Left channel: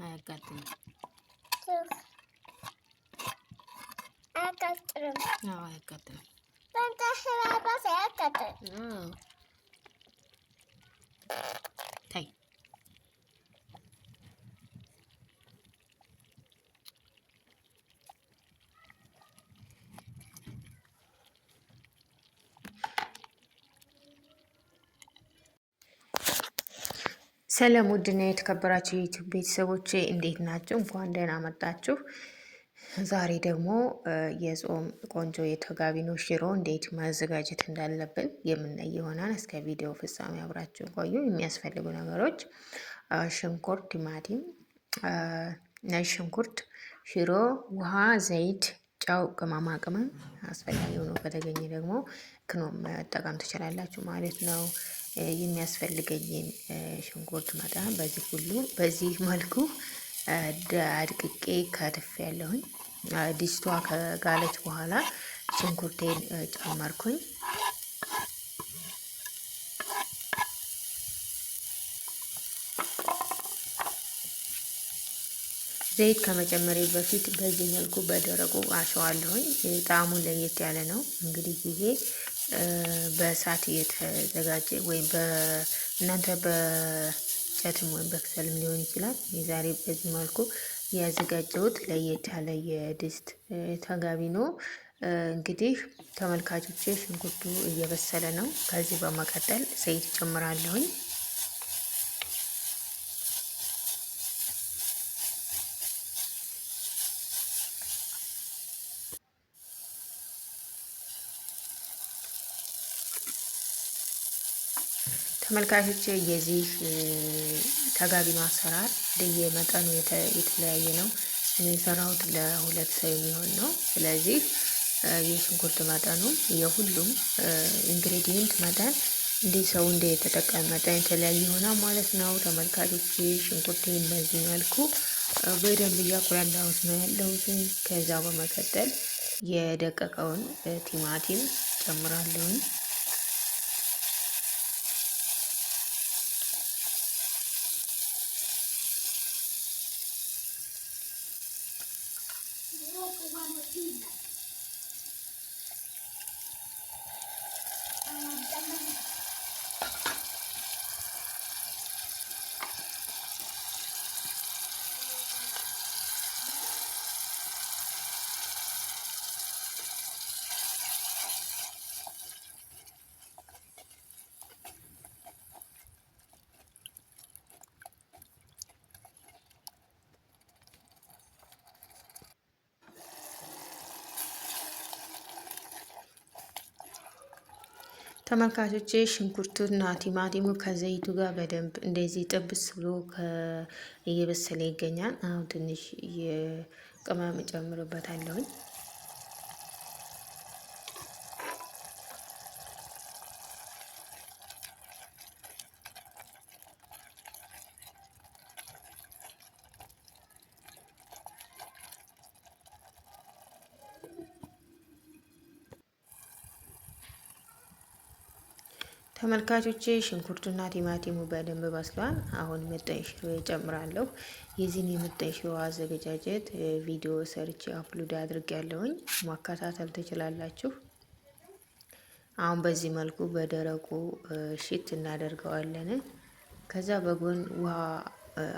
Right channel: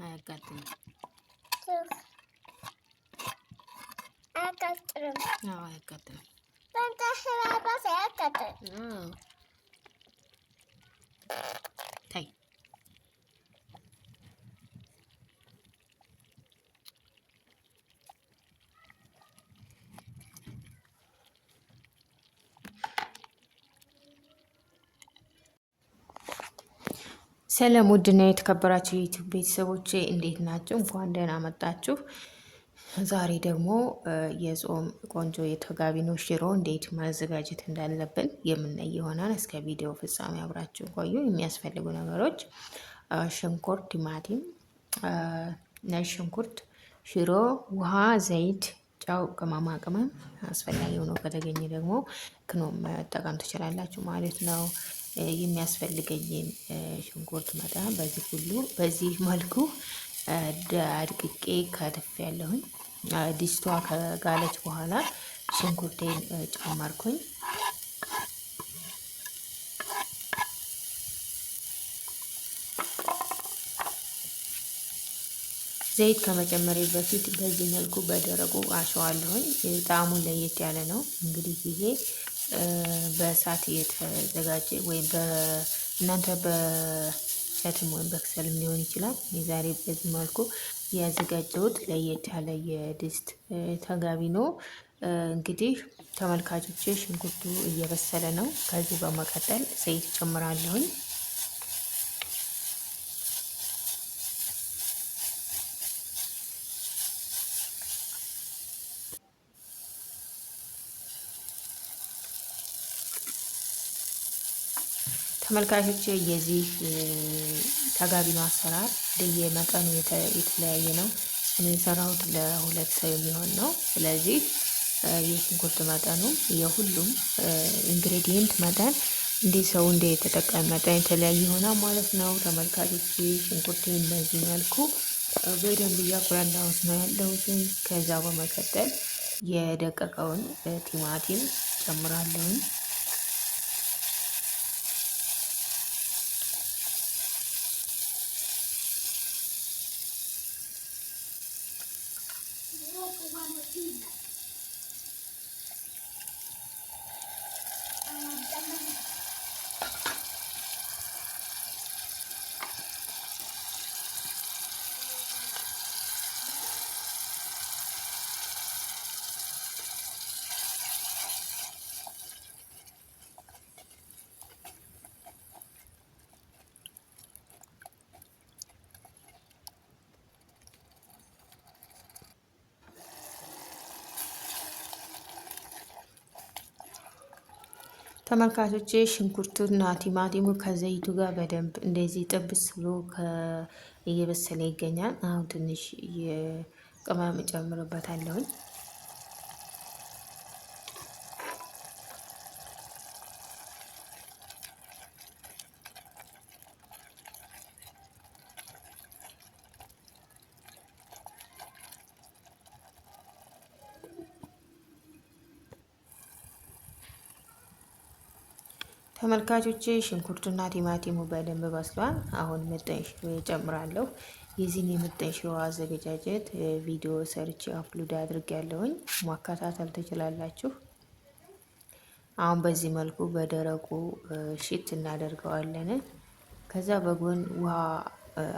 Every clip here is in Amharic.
አያቃጥልም። አያቃጥልም። አያቃጥልም። ታይ ሰላም ውድና የተከበራችሁ የዩቲዩብ ቤተሰቦቼ እንዴት ናችሁ? እንኳን ደህና መጣችሁ። ዛሬ ደግሞ የጾም ቆንጆ የተጋቢኖ ሽሮ እንዴት ማዘጋጀት እንዳለብን የምናይ ይሆናል። እስከ ቪዲዮ ፍጻሜ አብራችሁ ቆዩ። የሚያስፈልጉ ነገሮች ሽንኩርት፣ ቲማቲም፣ ነጭ ሽንኩርት፣ ሽሮ፣ ውሃ፣ ዘይት፣ ጨው፣ ቅመማ ቅመም አስፈላጊ ሆኖ ከተገኘ ደግሞ ክኖም መጠቀም ትችላላችሁ ማለት ነው። የሚያስፈልገኝን ሽንኩርት መጠን በዚህ መልኩ አድቅቄ ከትፍ ያለሁኝ። ድስቷ ከጋለች በኋላ ሽንኩርቴን ጨመርኩኝ። ዘይት ከመጨመሪ በፊት በዚህ መልኩ በደረቁ አሸዋለሁኝ። ጣዕሙን ለየት ያለ ነው። እንግዲህ ጊዜ በእሳት የተዘጋጀ ወይም እናንተ በእሳትም ወይም በክሰልም ሊሆን ይችላል። የዛሬ በዚህ መልኩ ያዘጋጀሁት ለየት ያለ የድስት ተጋቢኖ። እንግዲህ ተመልካቾቼ ሽንኩርቱ እየበሰለ ነው። ከዚህ በመቀጠል ዘይት ጨምራለሁኝ። ተመልካቾቼ የዚህ ተጋቢኖ አሰራር መጠኑ የተለያየ ነው። የሚሰራውት ለሁለት ሰው የሚሆን ነው። ስለዚህ የሽንኩርት መጠኑ የሁሉም ኢንግሬዲየንት መጠን ሰው የተጠቀመ መጠን የተለያየ ይሆናል ማለት ነው። ተመልካቾቼ ሽንኩርቱን በዚህ መልኩ በደንብ እያቁላላሁት ነው ያለሁት። ከዛ በመቀጠል የደቀቀውን ቲማቲም ጨምራለሁ። ተመልካቾቼ ሽንኩርቱና ቲማቲሙ ከዘይቱ ጋር በደንብ እንደዚህ ጥብስ ብሎ እየበሰለ ይገኛል። አሁን ትንሽ የቅመም እጨምርበታለሁ። ተመልካቾቼ ሽንኩርቱና ቲማቲሙ በደንብ በስሏል። አሁን ምጥን ሽሮ እጨምራለሁ። የዚህን የምጥን ሽሮ አዘገጃጀት ቪዲዮ ሰርቼ አፕሎድ አድርጌያለሁኝ፣ ማከታተል ትችላላችሁ። አሁን በዚህ መልኩ በደረቁ ሽት እናደርገዋለን። ከዛ በጎን ውሃ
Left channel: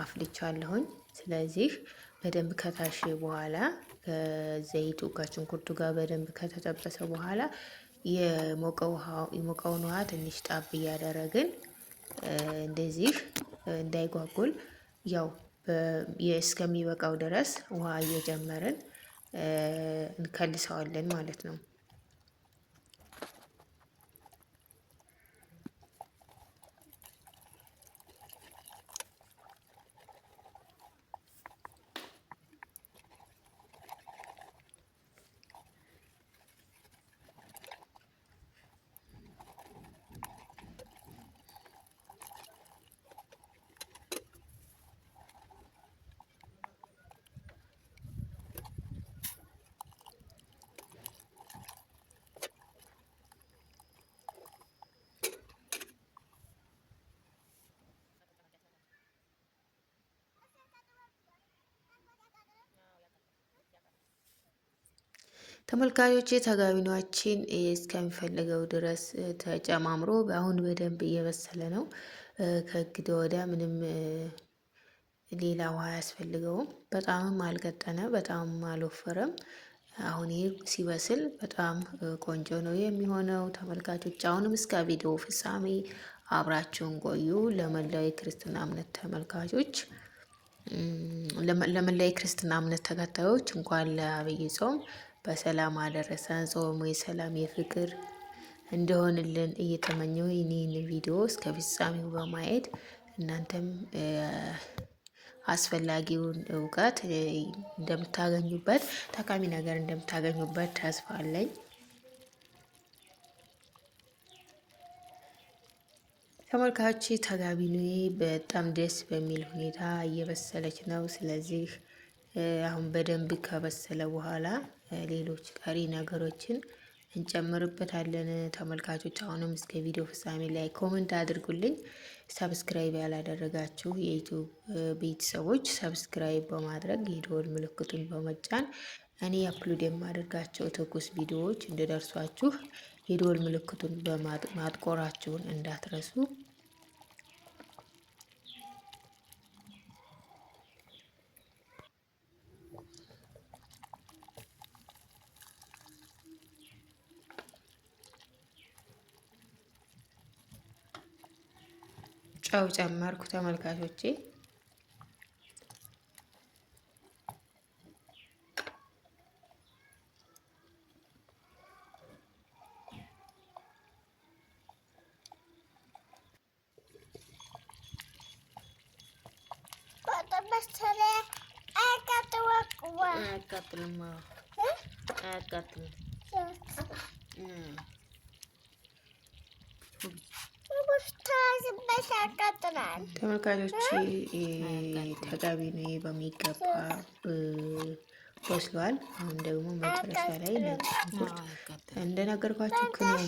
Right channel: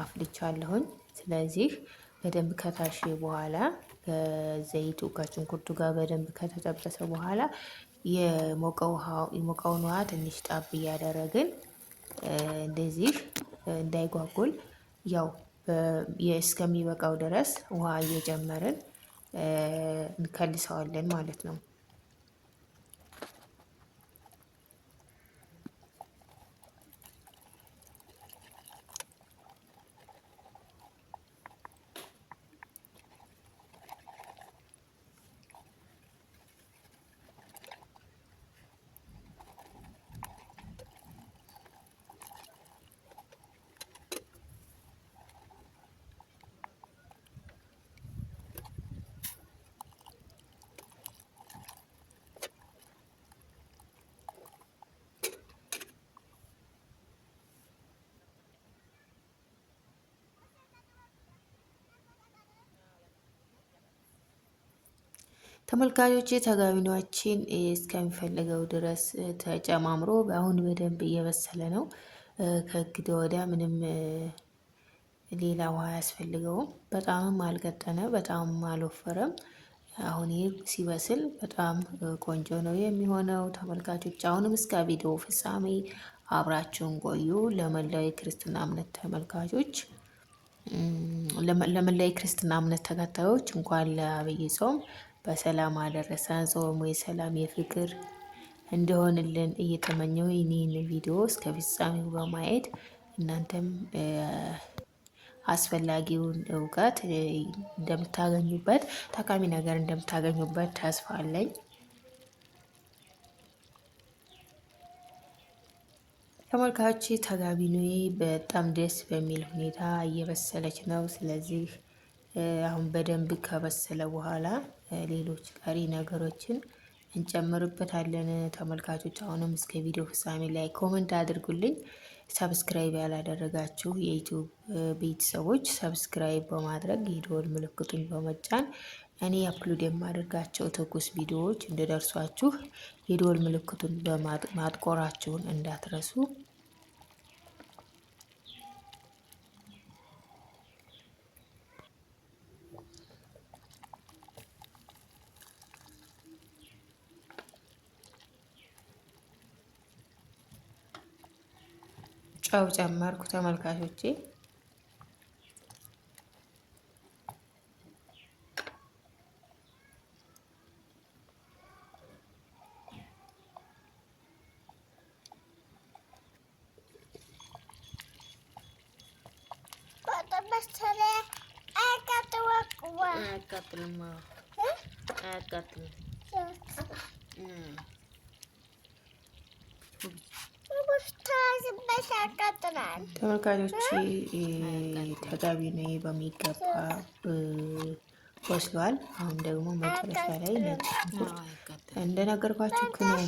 አፍልቻለሁኝ። ስለዚህ በደንብ ከታሸ በኋላ ዘይቱ ከሽንኩርቱ ጋር በደንብ ከተጠበሰ በኋላ የሞቀውን ውሃ ትንሽ ጣብ እያደረግን እንደዚህ እንዳይጓጉል ያው እስከሚበቃው ድረስ ውሃ እየጨመርን እንከልሰዋለን ማለት ነው። ተመልካቾች ተጋቢኗችን እስከሚፈልገው ድረስ ተጨማምሮ አሁን በደንብ እየበሰለ ነው። ከእንግዲህ ወዲያ ምንም ሌላ ውሃ አያስፈልገውም። በጣምም አልቀጠነ፣ በጣምም አልወፈረም። አሁን ይህ ሲበስል በጣም ቆንጆ ነው የሚሆነው። ተመልካቾች አሁንም እስከ ቪዲዮ ፍጻሜ አብራችሁን ቆዩ። ለመላው የክርስትና እምነት ተመልካቾች ለመላው የክርስትና እምነት ተከታዮች እንኳን ለዐቢይ ጾም በሰላም አደረሰን። ጾሙ የሰላም የፍቅር እንደሆንልን እየተመኘው ይህንን ቪዲዮ እስከ ፍጻሜው በማየት እናንተም አስፈላጊውን እውቀት እንደምታገኙበት፣ ጠቃሚ ነገር እንደምታገኙበት ተስፋ አለኝ። ተመልካች ተጋቢኖዬ በጣም ደስ በሚል ሁኔታ እየበሰለች ነው። ስለዚህ አሁን በደንብ ከበሰለ በኋላ ሌሎች ቀሪ ነገሮችን እንጨምርበታለን። ተመልካቾች አሁንም እስከ ቪዲዮ ፍጻሜ ላይ ኮመንት አድርጉልኝ። ሰብስክራይብ ያላደረጋችሁ የዩቲዩብ ቤተሰቦች ሰብስክራይብ በማድረግ የደወል ምልክቱን በመጫን እኔ አፕሎድ የማደርጋቸው ትኩስ ቪዲዮዎች እንዲደርሷችሁ የደወል ምልክቱን ማጥቆራችሁን እንዳትረሱ። ጨው ጨመርኩ ተመልካቾቼ። ተመልካቾች ተጋቢኖዬ በሚገባ በስሏል። አሁን ደግሞ መጨረሻ ላይ እንደነገርኳችሁ ክኖር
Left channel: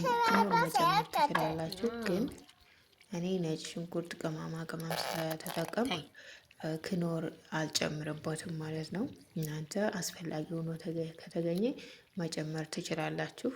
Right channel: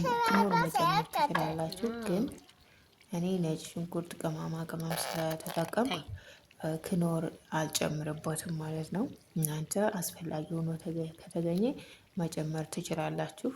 መጨመር ትችላላችሁ፣ ግን እኔ ነጭ ሽንኩርት ቅመማ ቅመም ስለተጠቀም ክኖር አልጨምርበትም ማለት ነው። እናንተ አስፈላጊ ሆኖ ከተገኘ መጨመር ትችላላችሁ።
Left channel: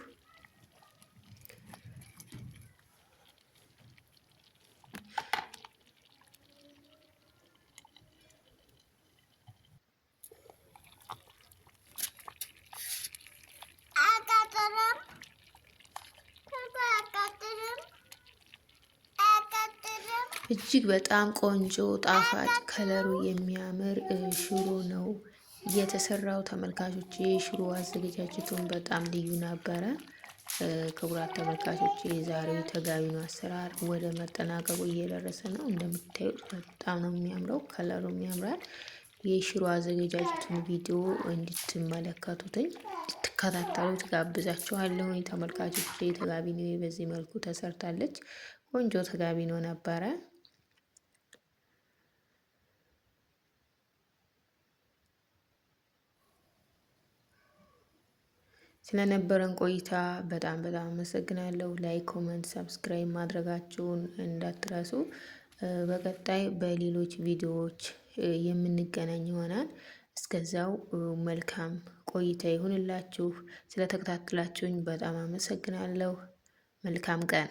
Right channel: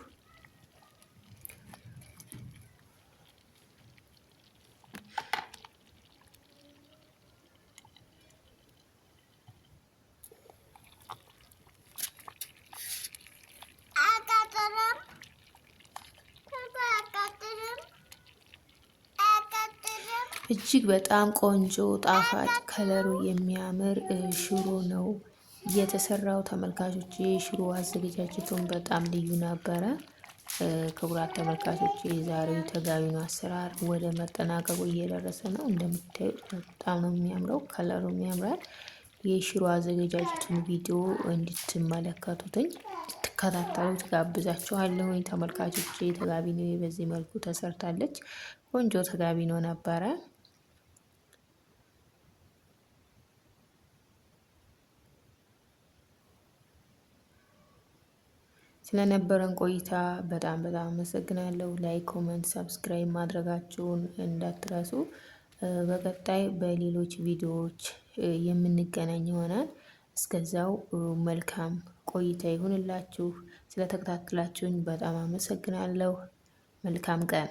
እጅግ በጣም ቆንጆ ጣፋጭ ከለሩ የሚያምር ሽሮ ነው የተሰራው። ተመልካቾች የሽሮ አዘገጃጀቱን በጣም ልዩ ነበረ። ክቡራት ተመልካቾች የዛሬው ተጋቢኖ አሰራር ወደ መጠናቀቁ እየደረሰ ነው። እንደምታዩት በጣም ነው የሚያምረው፣ ከለሩም ያምራል። የሽሮ አዘገጃጀቱን ቪዲዮ እንድትመለከቱትኝ እንድትከታተሉት ጋብዛችኋለሁ። ተመልካቾች ተጋቢኖ በዚህ መልኩ ተሰርታለች። ቆንጆ ተጋቢኖ ነበረ። ስለነበረን ቆይታ በጣም አመሰግናለሁ። ላይክ፣ ኮመንት፣ ሰብስክራይብ ማድረጋችሁን እንዳትረሱ። በቀጣይ በሌሎች ቪዲዮዎች የምንገናኝ ይሆናል። እስከዛው መልካም ቆይታ ይሁንላችሁ። ስለተከታተላችሁኝ በጣም አመሰግናለሁ። መልካም ቀን